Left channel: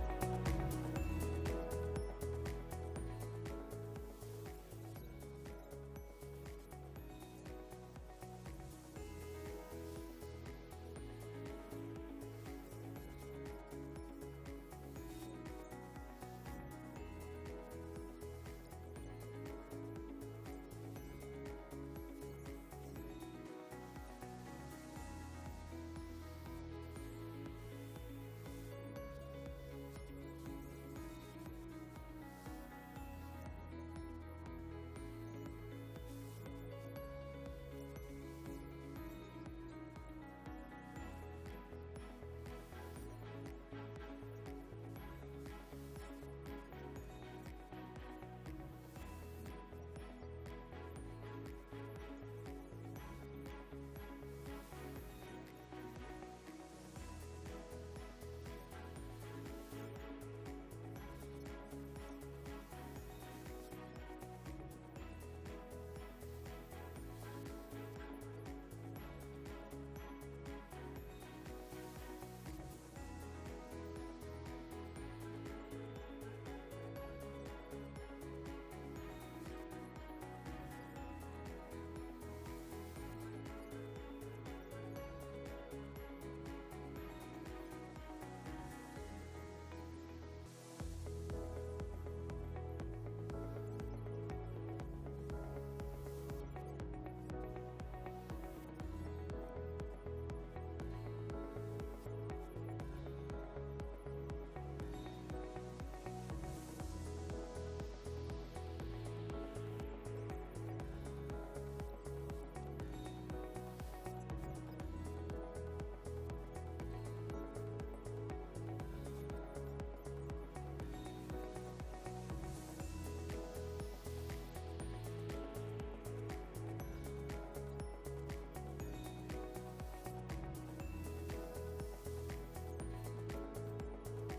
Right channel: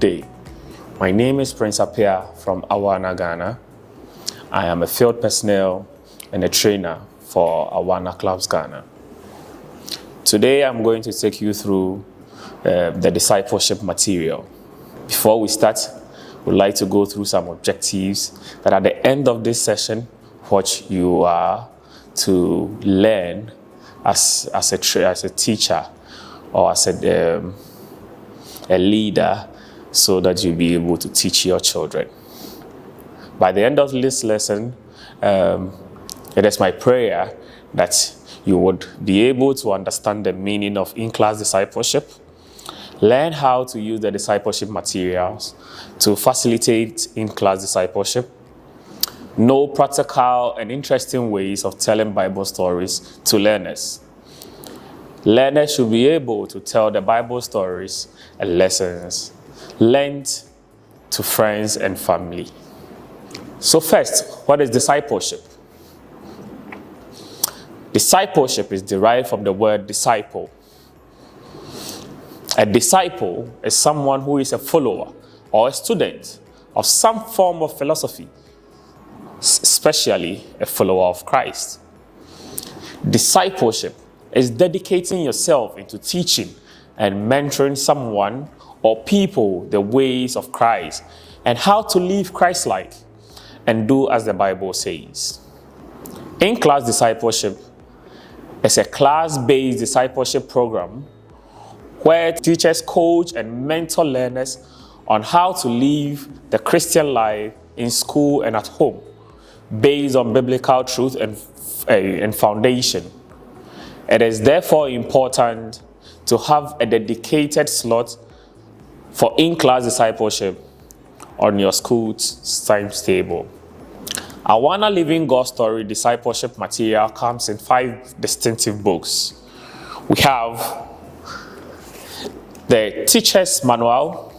day. My name is Prince Apia from Awana, Ghana. I am a field personnel and a trainer for Awana Clubs Ghana. Today I'm going to take you through the discipleship material. Before we start, we'd like to go through some objectives that at the end of this session, what you are to learn as a teacher or as a leader, so that you'll be able to teach your children. By the end of this lesson, it is my prayer that you would be able to understand the meaning of in-class discipleship, learn how to use the discipleship materials to facilitate in-class discipleship, know practical and interesting ways of telling Bible stories to learners. Learners should be able to tell the Bible stories and lessons learned to friends and family. So first, what is discipleship? Discipleship is derived from the word disciple. A disciple is someone who is a follower or a student of some form of philosophy, especially a follower of Christ. Discipleship is dedicating yourself into teaching and mentoring someone or people the ways of Christ and how to live Christ-like and do as the Bible says. In-class discipleship is a class-based discipleship program where teachers coach and mentor learners on how to live the Christian life in school and at home based on biblical truth and foundation. It is therefore important to have a dedicated slot for in-class discipleship on your school's timetable. Awana Living God Story discipleship material comes in 5 distinctive books. We have the Teacher's Manual.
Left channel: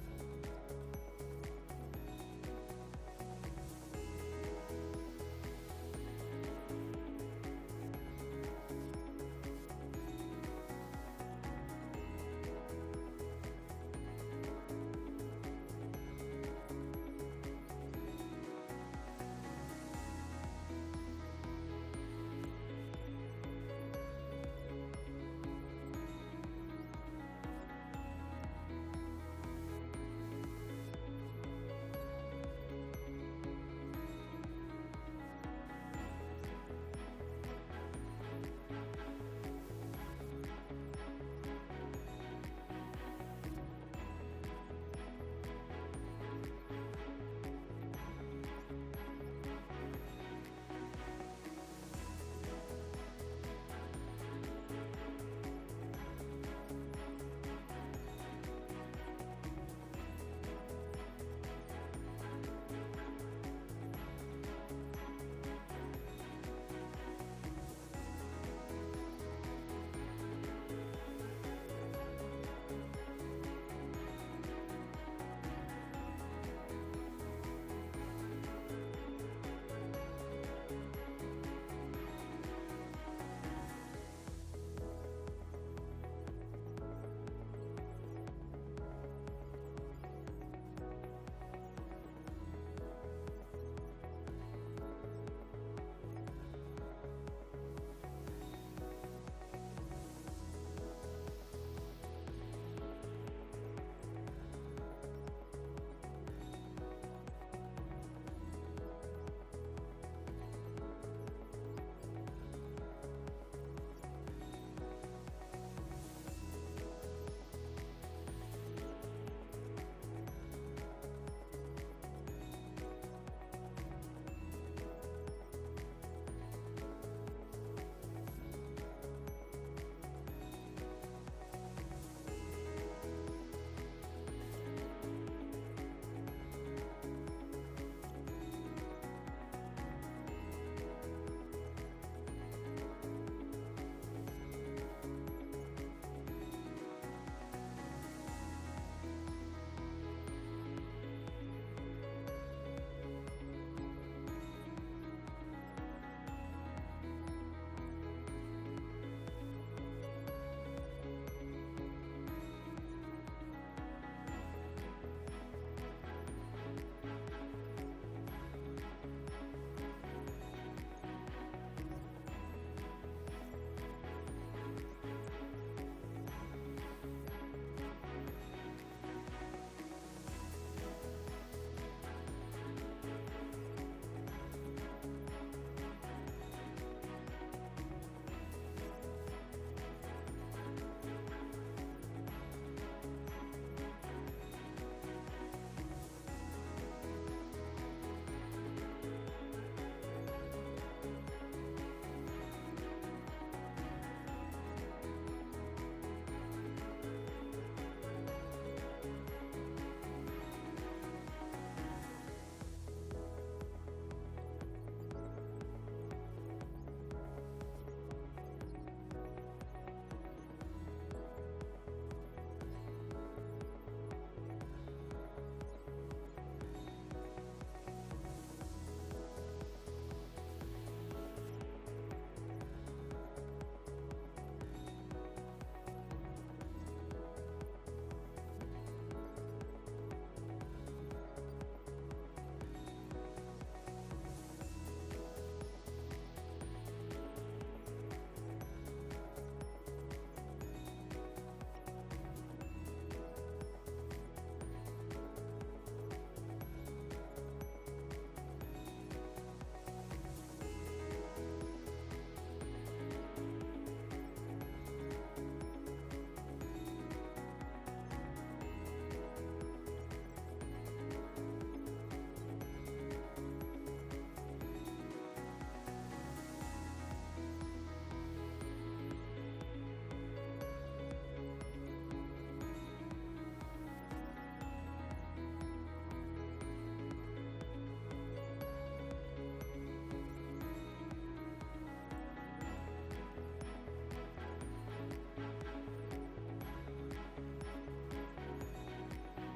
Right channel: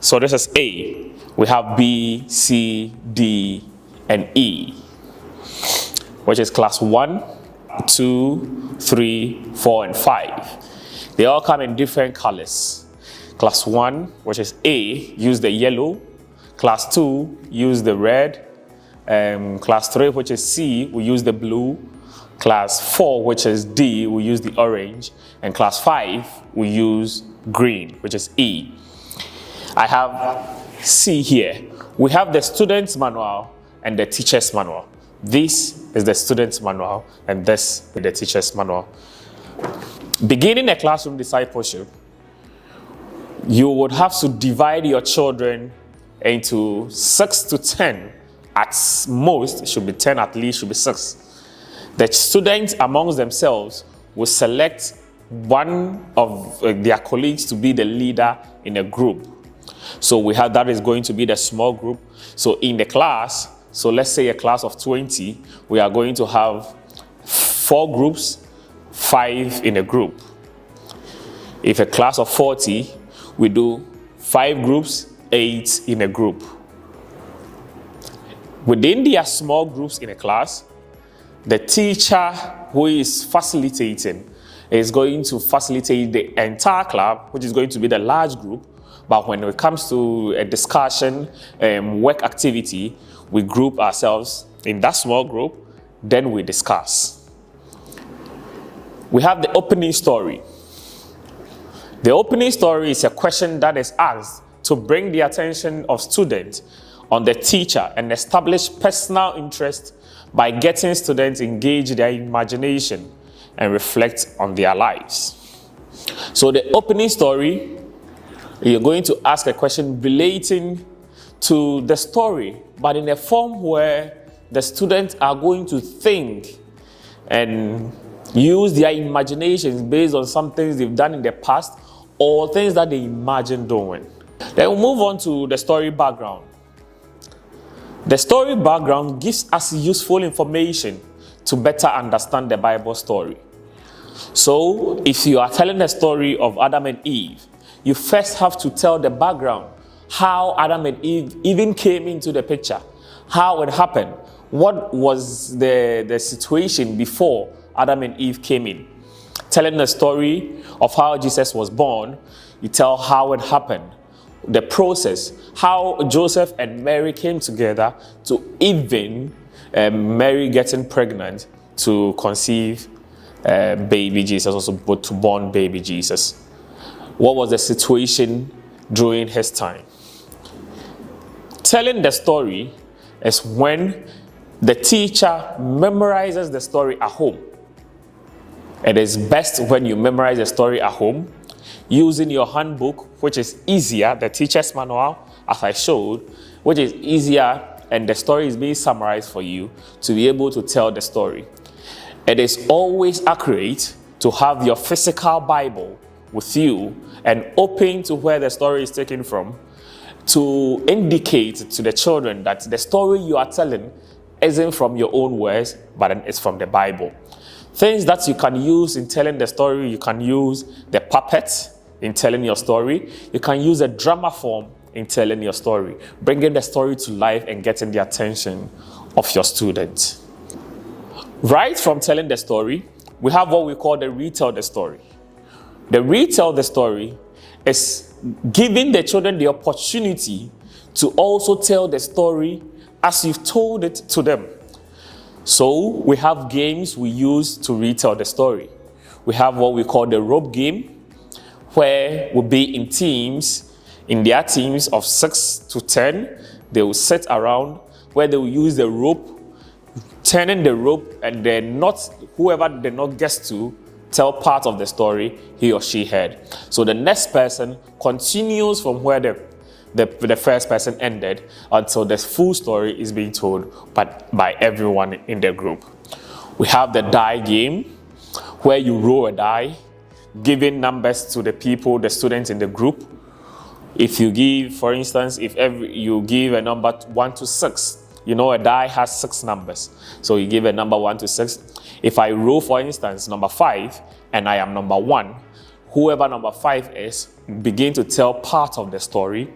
So this is A. We have B, C, D, and E, which is class 1, 2, 3, 4, and 5. They all come in different colors. Class 1, which is A, use the yellow. Class 2, use the red. Class 3, which is C, we use the blue. Class 4, which is D, we use the orange. And class 5, we use green, which is E. I have C here. We have the student's manual and the teacher's manual. This is the student's manual and this is the teacher's manual. Beginning a classroom discipleship, you would have to divide your children into 6 to 10. At most, it should be 10, at least should be 6. The students amongst themselves will select one of their colleagues to be the leader in a group. So we have that is going to be the small group. So in the class, so let's say a class of 20, we are going to have 4 groups, 5 in a group. If a class of 40, we do 5 groups, 8 in a group. Within their small groups in a class, the teacher who is facilitating is going to facilitate the entire club, which is going to be the large group. But when it comes to a discussion, work activity, we group ourselves in that small group, then we discuss. We have the opening story. The opening story is a question that is asked to bring the attention of students on the teacher and establish personal interest by getting students engaged their imagination and reflect on their lives. So the opening story, you're going to ask a question relating to the story, but in a form where the students are going to think and use their imaginations based on some things they've done in the past or things that they imagine doing. Then we'll move on to the story background. The story background gives us useful information to better understand the Bible story. So, if you are telling the story of Adam and Eve, you first have to tell the background, how Adam and Eve even came into the picture, how it happened, what was the situation before Adam and Eve came in. Telling the story of how Jesus was born, you tell how it happened, the process, how Joseph and Mary came together to even Mary getting pregnant to conceive baby Jesus, also to born baby Jesus. What was the situation during his time? Telling the story is when the teacher memorizes the story at home. It is best when you memorize the story at home using your handbook, which is easier, the teacher's manual, as I showed, which is easier, and the story is being summarized for you to be able to tell the story. It is always accurate to have your physical Bible with you and open to where the story is taken from, to indicate to the children that the story you are telling isn't from your own words, but it's from the Bible. Things that you can use in telling the story: you can use the puppet in telling your story. You can use a drama form in telling your story, bringing the story to life and getting the attention of your students. Right from telling the story, we have what we call the retell the story. The retell the story is giving the children the opportunity to also tell the story as you've told it to them. So we have games we use to retell the story. We have what we call the rope game, where we'll be in teams, in their teams of 6 to 10. They will sit around where they will use the rope, turning the rope, and then whoever the knot gets to tell part of the story he or she heard. So the next person continues from where the first person ended until the full story is being told by everyone in the group. We have the die game, where you roll a die, giving numbers to the students in the group. If you give, for instance, you give a number 1 to 6, a die has 6 numbers. So you give a number 1 to 6. If I roll, for instance, number 5, and I am number 1, whoever number 5 is, begin to tell part of the story.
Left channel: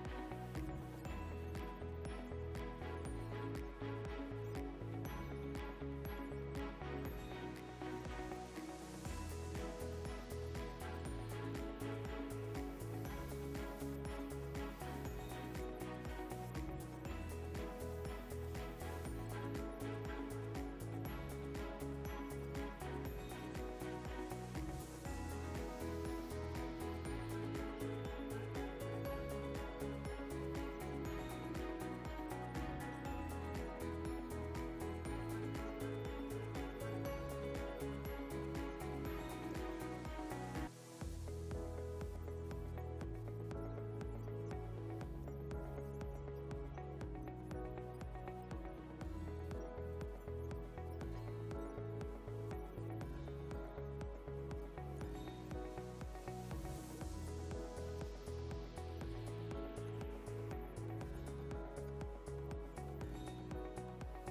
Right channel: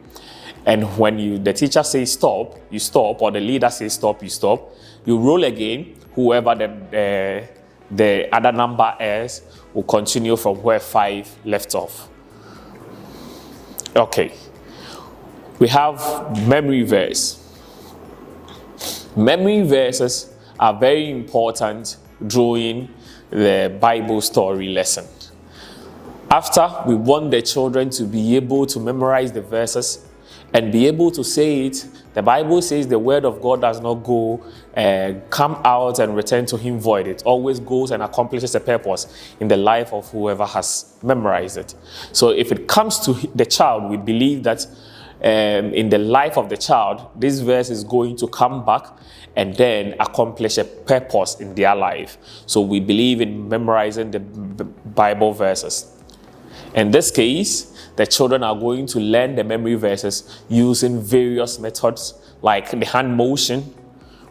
And when the teacher says stop, you stop, or the leader says stop, you stop. You roll again. Whoever the other number is will continue from where 5 left off. Okay. We have memory verse. Memory verses are very important during the Bible story lesson. After we want the children to be able to memorize the verses and be able to say it, the Bible says the word of God does not go come out and return to him void. It always goes and accomplishes a purpose in the life of whoever has memorized it. So if it comes to the child, we believe that in the life of the child, this verse is going to come back and then accomplish a purpose in their life. So we believe in memorizing the Bible verses. In this case, the children are going to learn the memory verses using various methods, like the hand motion.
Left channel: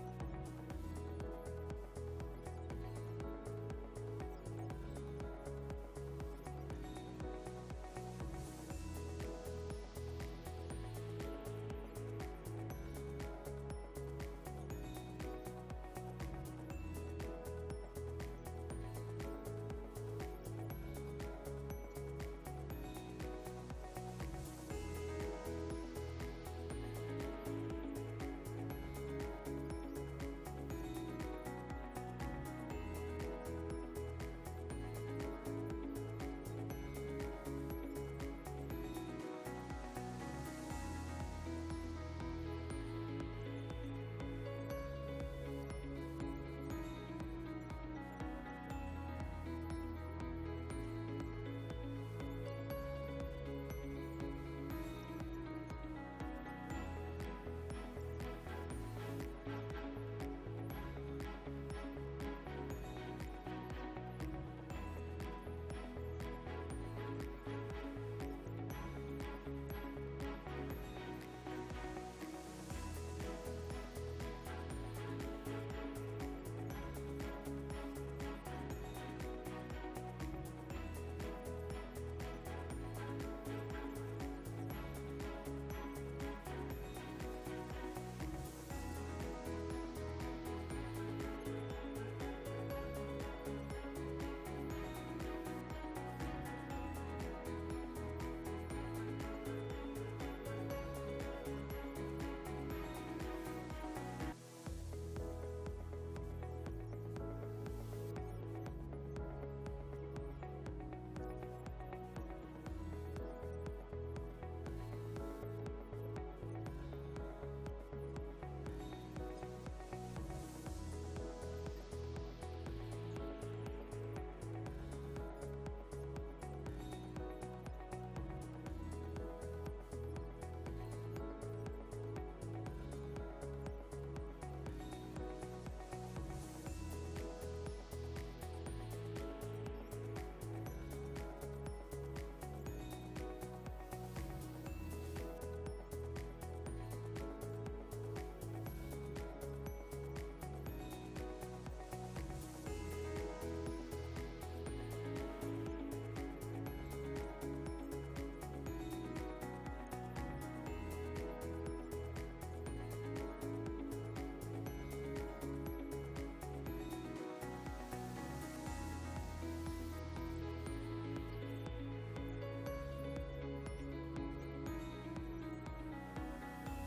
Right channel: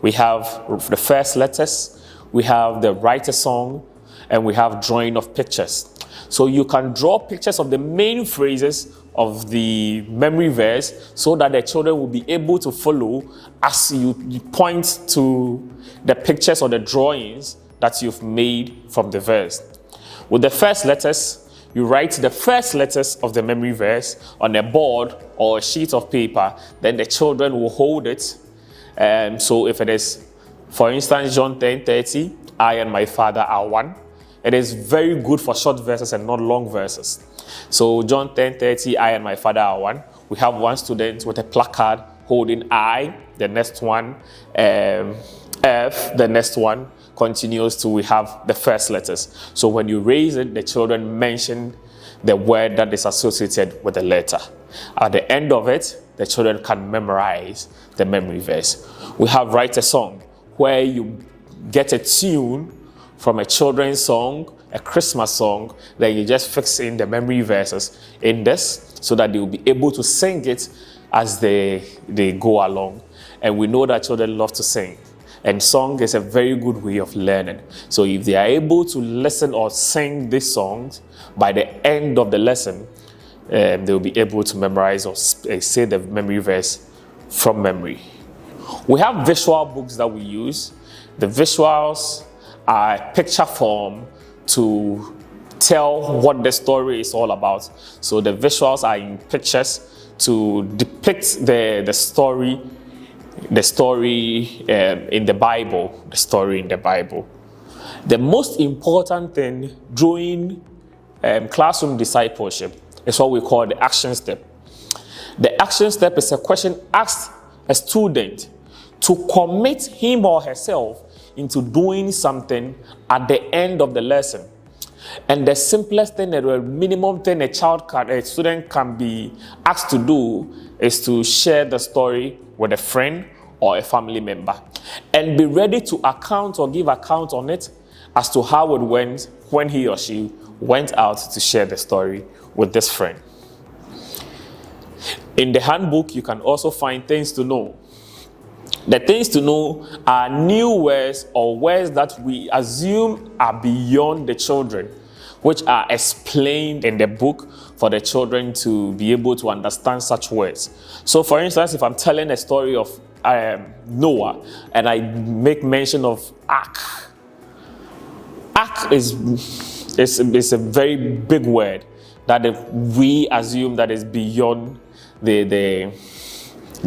We have the first letters, we have the write a song, and we have drawing of pictures. So you can draw pictures of the main phrases of the memory verse so that the children will be able to follow as you point to the pictures or the drawings that you've made from the verse. With the first letters, you write the first letters of the memory verse on a board or a sheet of paper, then the children will hold it. So if it is, for instance, John 10:30, I and my Father are one, it is very good for short verses and not long verses. So John 10:30, I and my Father are one. We have one student with a placard holding I, the next one, F, the next one, continues to we have the first letters. So when you raise it, the children mention the word that is associated with the letter. At the end of it, the children can memorize the memory verse. We have write a song, where you get a tune from a children's song, a Christmas song, then you just fix in the memory verses in this so that they will be able to sing it as they go along. And we know that children love to sing. And song is a very good way of learning. So if they are able to listen or sing these songs, by the end of the lesson, they will be able to memorize or say the memory verse from memory. We have visual books that we use. The visuals are picture form to tell what the story is all about. So the visuals are in pictures to depict the story in the Bible, The most important thing during classroom discipleship is what we call the action step. The action step is a question asked a student to commit him or herself into doing something at the end of the lesson. And the simplest thing, the minimum thing a student can be asked to do is to share the story with a friend or a family member and be ready to account or give account on it as to how it went when he or she went out to share the story with this friend. In the handbook, you can also find things to know. The things to know are new words or words that we assume are beyond the children, which are explained in the book for the children to be able to understand such words. So, for instance, if I'm telling a story of Noah and I make mention of ark is a very big word that we assume that is beyond the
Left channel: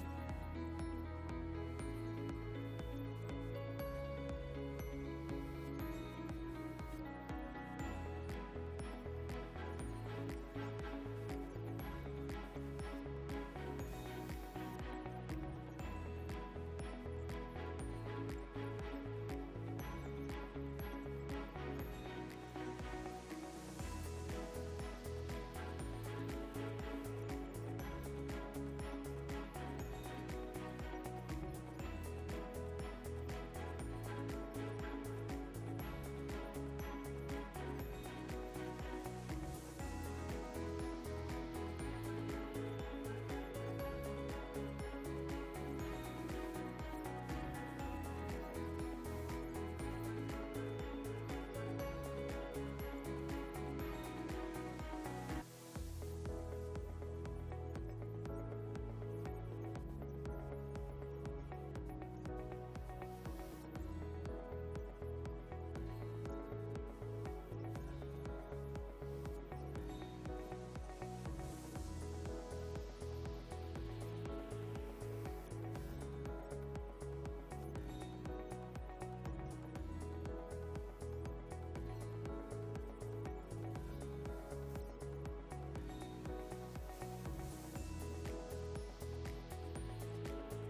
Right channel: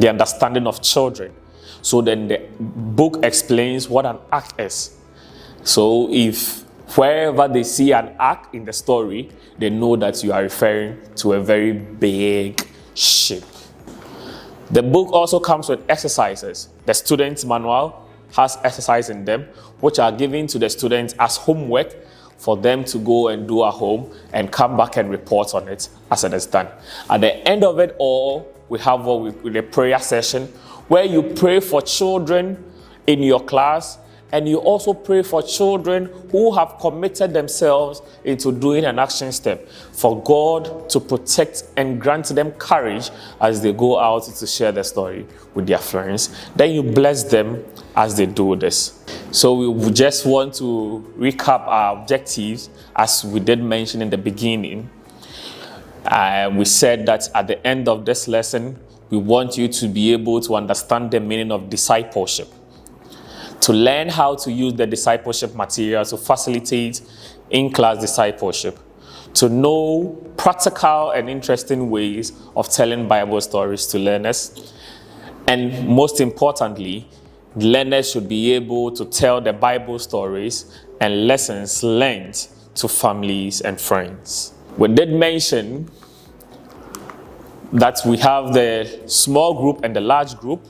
understanding of children. So then the book explains what an ark is. So if wherever they see an ark in the story, they know that you are referring to a very big ship. The book also comes with exercises. The student's manual has exercises in them, which are given to the students as homework for them to go and do at home and come back and report on it as it is done. At the end of it all, we have what we call a prayer session, where you pray for children in your class, and you also pray for children who have committed themselves into doing an action step for God to protect and grant them courage as they go out to share their story with their friends. Then you bless them as they do this. So we just want to recap our objectives as we did mention in the beginning. We said that at the end of this lesson, we want you to be able to understand the meaning of discipleship, to learn how to use the discipleship material to facilitate in-class discipleship, to know practical and interesting ways of telling Bible stories to learners, and most importantly, learners should be able to tell the Bible stories and lessons learned to families and friends. We did mention that we have the small group and the large group.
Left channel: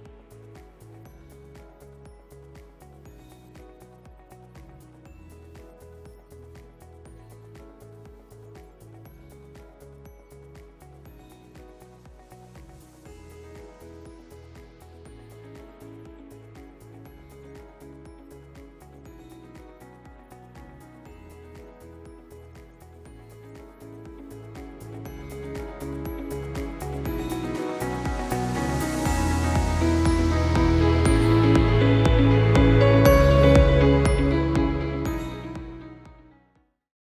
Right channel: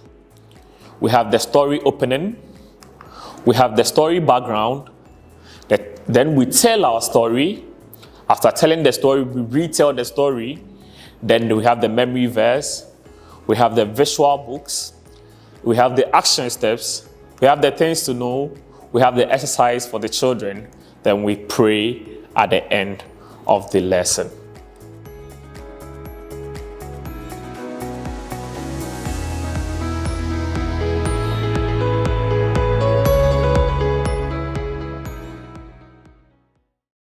We have the story opening. We have the story background. Then we tell our story. After telling the story, we retell the story. Then we have the memory verse. We have the visual books. We have the action steps. We have the things to know. We have the exercise for the children. Then we pray at the end of the lesson.